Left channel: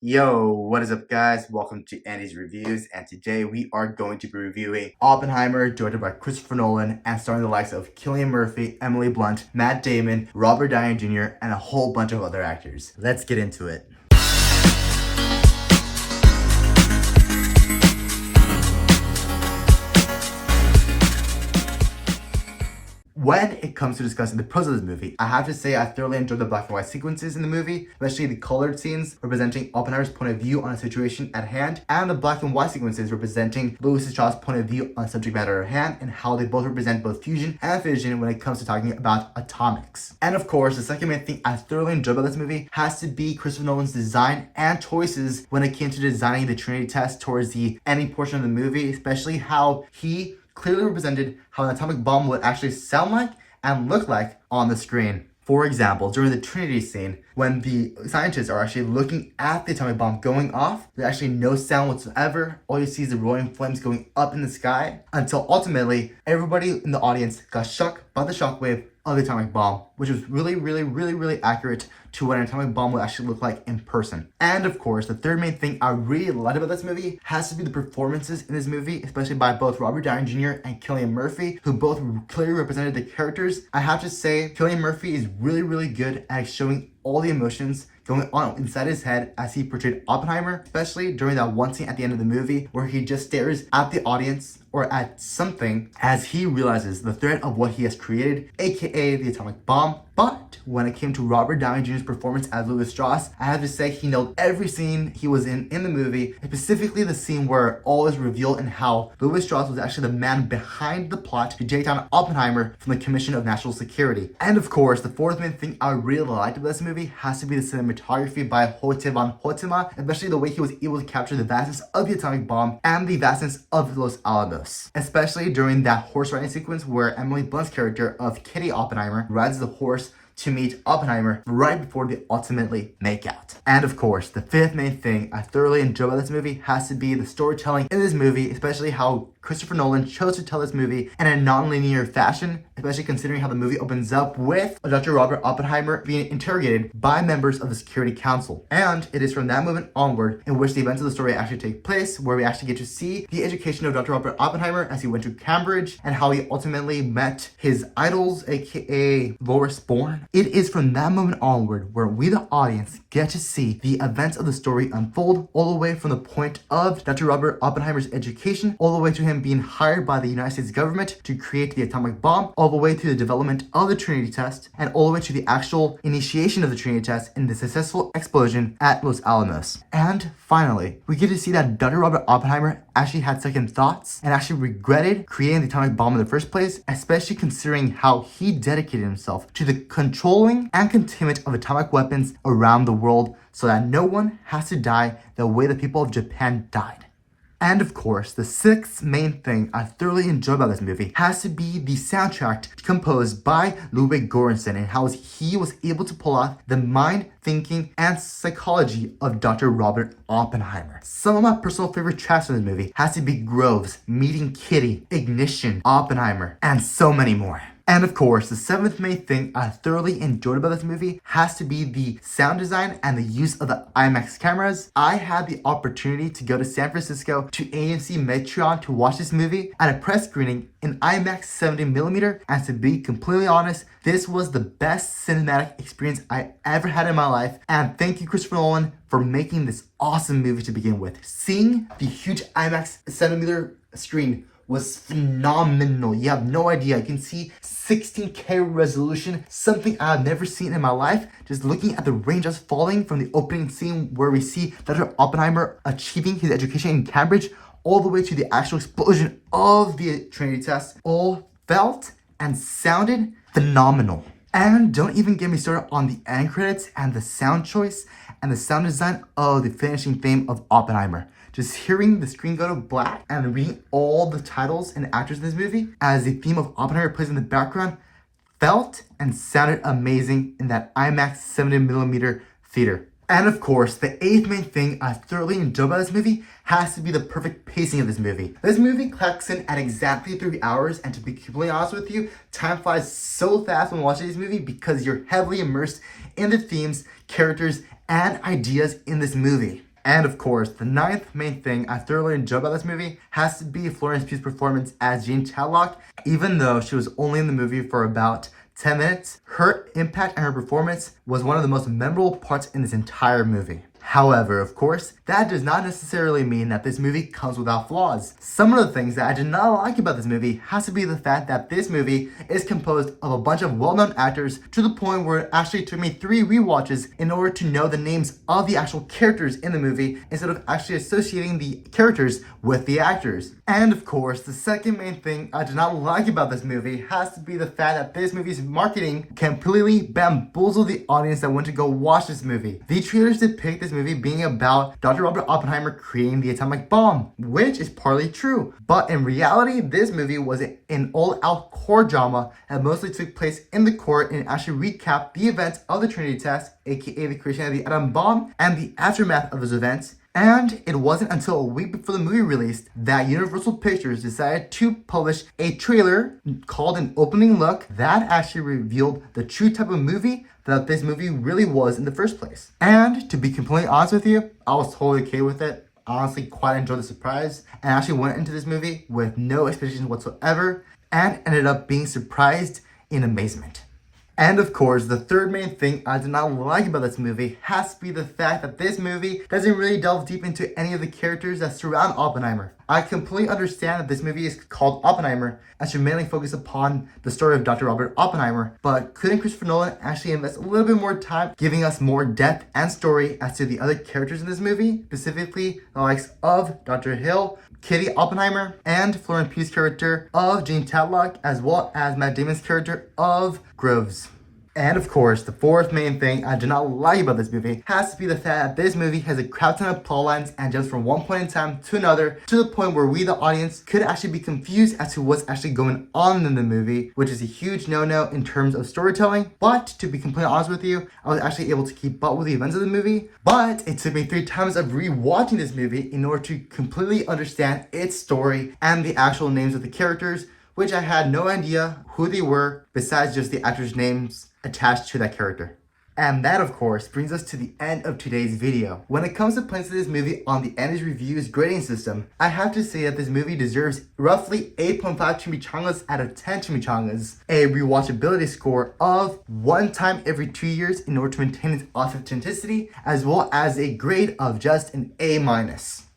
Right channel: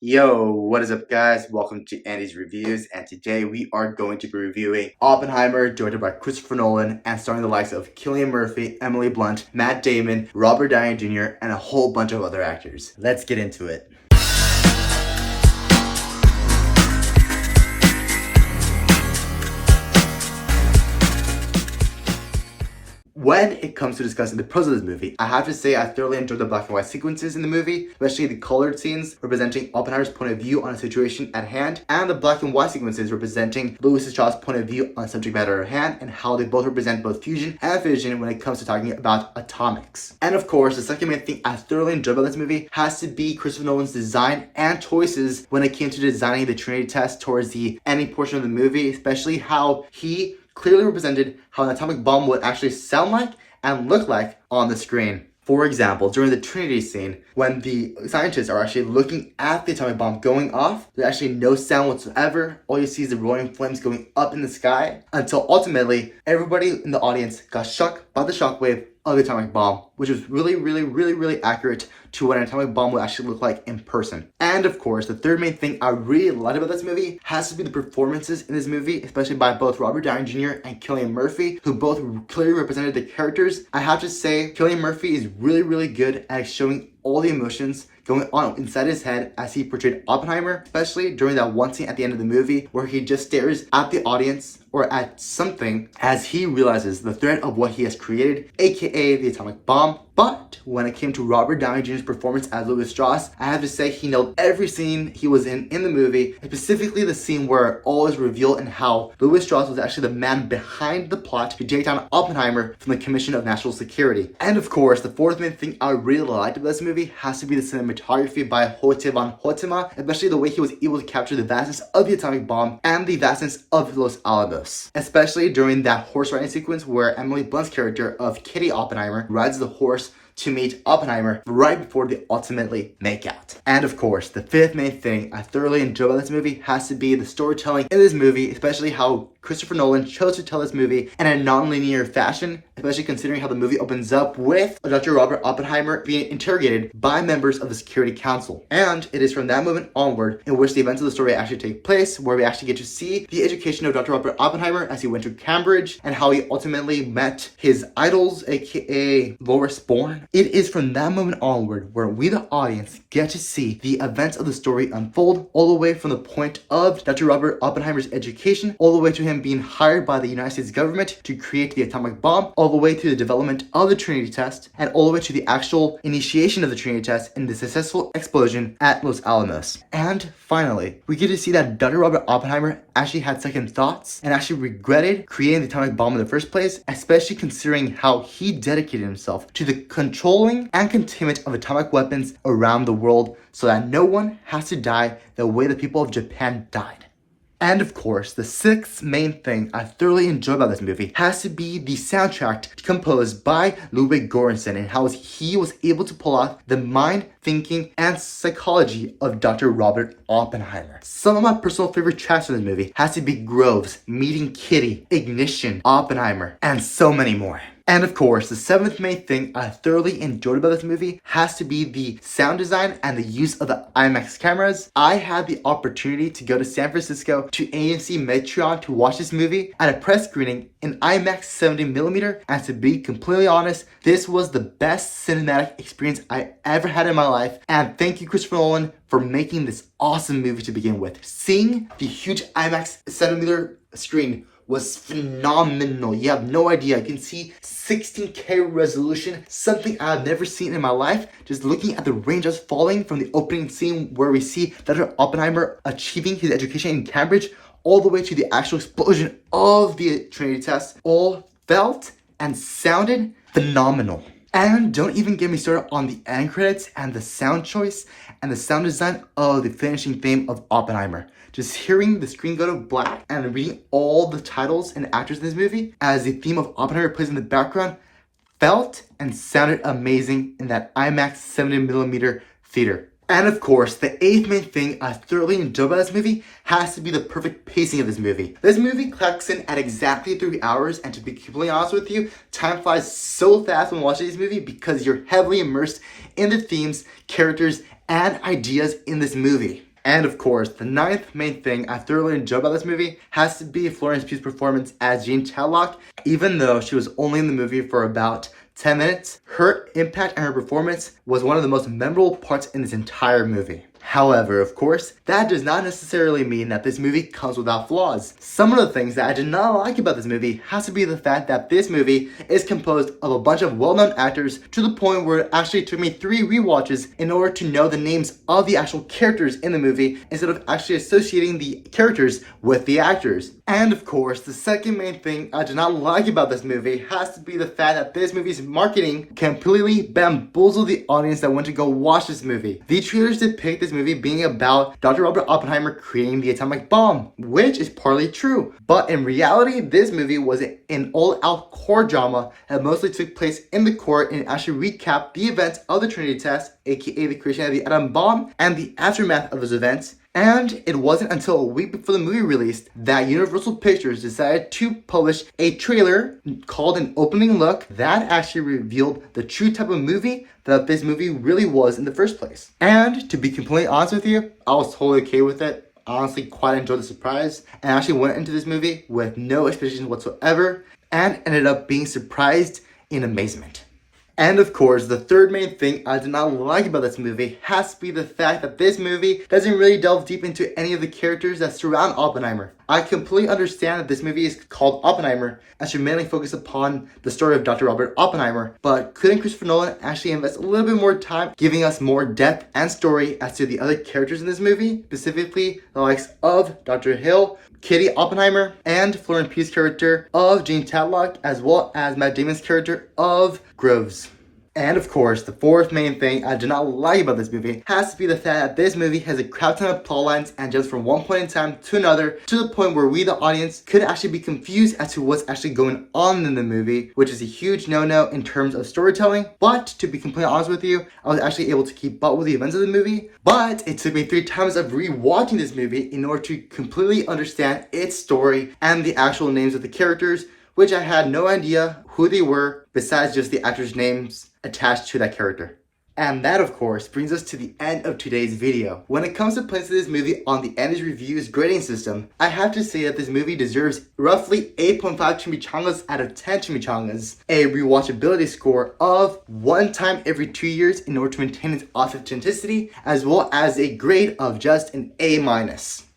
Yo, what is up, guys? Welcome to Andy's Reviews, and today we are going to be reviewing Oppenheimer, directed by Christopher Nolan, and starring the likes of Cillian Murphy, Emily Blunt, Matt Damon, Robert Downey Jr., and a whole bunch of other actors. Let's get into it. When it comes to discussing the pros of this movie, I have to say I thoroughly enjoyed the black and white sequences in the movie, especially the colored scenes representing Oppenheimer's point of view on a situation at hand, and the black and white sequences representing Louis Strauss' point of view on the subject matter at hand, and how they both represent both fusion and fission when it comes to talking about atomics. And of course, the second main thing I thoroughly enjoyed about this movie has to be Christopher Nolan's design and choices when it came to designing the Trinity test towards the ending portion of the movie, especially how he clearly represented how an atomic bomb would actually sound like and look like on the screen. For example, during the Trinity scene, when the scientists are actually looking at the atomic bomb going off, there's actually no sound whatsoever. All you see is the roaring flames going up in the sky until ultimately everybody in the audience got shocked by the shockwave of the atomic bomb, which was really accurate to what an atomic bomb would actually look like in person. And of course, the third main thing I really liked about this movie has to be the performances in this movie, especially by both Robert Downey Jr. and Cillian Murphy, who both clearly represented the characters. I have to say, Cillian Murphy is really good at showing all the emotions going on inside his head as he portrayed Oppenheimer, especially during that one scene at the end of the movie where he just stares at the audience or at something as he realizes the threat of what he has created, aka the atomic bomb. But when it came to Robert Downey Jr.'s performance as Louis Strauss, I have to say he nailed every scene he was in the movie, specifically the scene where all is revealed and how Louis Strauss was actually the man behind the plot to take down Oppenheimer from the Commission of National Security. And of course, the fourth main thing I really liked about this movie has to be the cinematography by Hoyte van Hoytema, especially the way he was able to capture the vastness of the atomic bomb and the vastness of Los Alamos, especially during that horse riding sequence where Emily Blunt's character of Kitty Oppenheimer rides the horse to meet Oppenheimer right before they ultimately make out. And of course, the fifth main thing I thoroughly enjoy about this movie has to be the storytelling in this movie, especially how Christopher Nolan chose to tell this movie in a non-linear fashion, especially considering how the movie opens up with Dr. Robert Oppenheimer being interrogated by members of the Security Council. And it is from that moment onward in which the events of the story actually take place, where we actually get to see the education of Dr. Robert Oppenheimer as he went to Cambridge and how he ultimately met his idols, aka Loris Bourne. It is from that moment onward where we, the audience, get to see the events of the story unfold, all the way from the point of Dr. Robert Oppenheimer's education, all the way to him being hired by the United States government to create the atomic bomb, all the way to the development of the Trinity test, and all the way to the actual initiation of the Trinity test and the successful explosion at Los Alamos. And finally, we get to see that Dr. Robert Oppenheimer actually had second thoughts and actually regretted creating the atomic bomb in the first place, especially considering how he dedicated himself to the controlling and containment of atomic weapons around the world so that no one has to die the way the people of Japan died. And of course, the sixth main thing I thoroughly enjoy about this movie has to be the soundtrack composed by Ludwig Göransson and how he was able to pull off the mind, thinking, and psychology of Dr. Robert Oppenheimer. Some of my personal favorite tracks in this movie has to be Groves, Meeting Kitty, Ignition, Oppenheimer, and so many more. And of course, the seventh main thing I thoroughly enjoyed about this movie has to be the sound design and the use of the IMAX cameras. I had the opportunity to go to San Francisco to AMC Metron to watch this movie at a press screening in IMAX 70mm, and to be completely honest, this was the best cinematic experience I ever had in my life. And thank you, Christopher Nolan, for making this awesome movie to begin with. Seeing the huge IMAX 70mm screen was phenomenal. You have no idea. You can see 16K resolution, something I've never seen in my life. Just looking at the raindrops falling from the opening scene where we see Dr. Oppenheimer achieving his education in Cambridge, all the way to the actual explosion of the Trinity test, all felt and sounded phenomenal. And don't even get me started on the end credits and the sound choice and the sound design of the finishing theme of Oppenheimer. Just hearing the screen go to black and reading all the titles and actors in this movie as the theme of Oppenheimer plays in the background felt and sounded amazing in that IMAX 70mm theater. And of course, the eighth main thing I thoroughly enjoy about this movie has to be the perfect pacing of this movie. This movie clocks in at exactly 3 hours, and to be completely honest with you, time flies so fast when watching this movie because you're heavily immersed in the themes, characters, and ideas in this movie. And of course, the ninth main thing I thoroughly enjoyed about this movie has to be Florence Pugh's performance as Jean Tadlock. Even though she was only in the movie for about 10 minutes, her impact and her performance was one of the most memorable parts in this entire movie. However, of course, that does not necessarily mean that this movie comes without flaws. Some of the things that I did not like about this movie has to be the fact that this movie is composed of a bunch of well-known actors to the point where it actually took me 3 rewatches in order to know the names of the actual characters in the movie instead of actually associating the characters with the actors. And of course, the second main thing I did not like about this movie has to be the fact that this movie's marketing completely bamboozled the audience that went to go watch this movie. The trailers depict this movie being about Dr. Robert Oppenheimer creating the atomic bomb, which is partly true. But in reality, this movie was an all-out core drama that mostly took place in the court and actually recapped the events of the Trinity test, aka the creation of the atom bomb, and the aftermath of those events. And it wasn't until a week before the movie released that Universal Pictures decided to publish a trailer called An Opening Look that actually revealed the true type of movie that this movie really was in the first place. And to be completely honest with you, I was totally okay with it. I honestly quite enjoyed the surprise and actually went into this movie with no expectations whatsoever and ended up being surprised in amazement. And of course, the third main thing I did not like about this movie has to be the fact that this movie doesn't really delve deep into any of the characters that surround Oppenheimer. I completely understand that this movie is called Oppenheimer and should mainly focus upon the story of Dr. Robert Oppenheimer, but couldn't Christopher Nolan actually invest a little bit more time giving us more depth and story as to the other characters in this movie, specifically the likes of Dr. Hill, Kitty Oppenheimer, and Florence Pugh's character of Jean Tadlock, as well as Matt Damon's character of Groves. And of course, the fourth main thing I do not like about this movie has to be the fact that this movie has a crap ton of plot lines and jumps from one point in time to another to the point where we, the audience, could actually be confused as to what's actually going on in the movie, which is a huge no-no in terms of storytelling. But to be completely honest with you, I was actually able to keep up with the events of the movie, but it took me 3 times of rewatching this movie in order to completely understand its story and the actual names of the characters, which I had no idea who they were besides just the actors' names attached to that character. And that, of course, brings us to the end of today's video. When it comes to placing this movie on the Annie's Reviews grading system, I have to say that this movie deserves roughly 8.5 chimichangas out of 10 chimichangas, a rewatchability score of 1 time every 2 years in order to maintain its authenticity, as well as a grade of just an A-.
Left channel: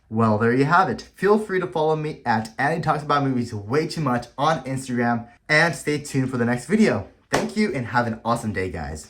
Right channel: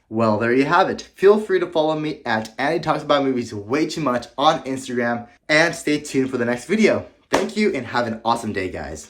Well, there you have it. Feel free to follow me at Annie Talks About Movies Way Too Much on Instagram, and stay tuned for the next video. Thank you and have an awesome day, guys.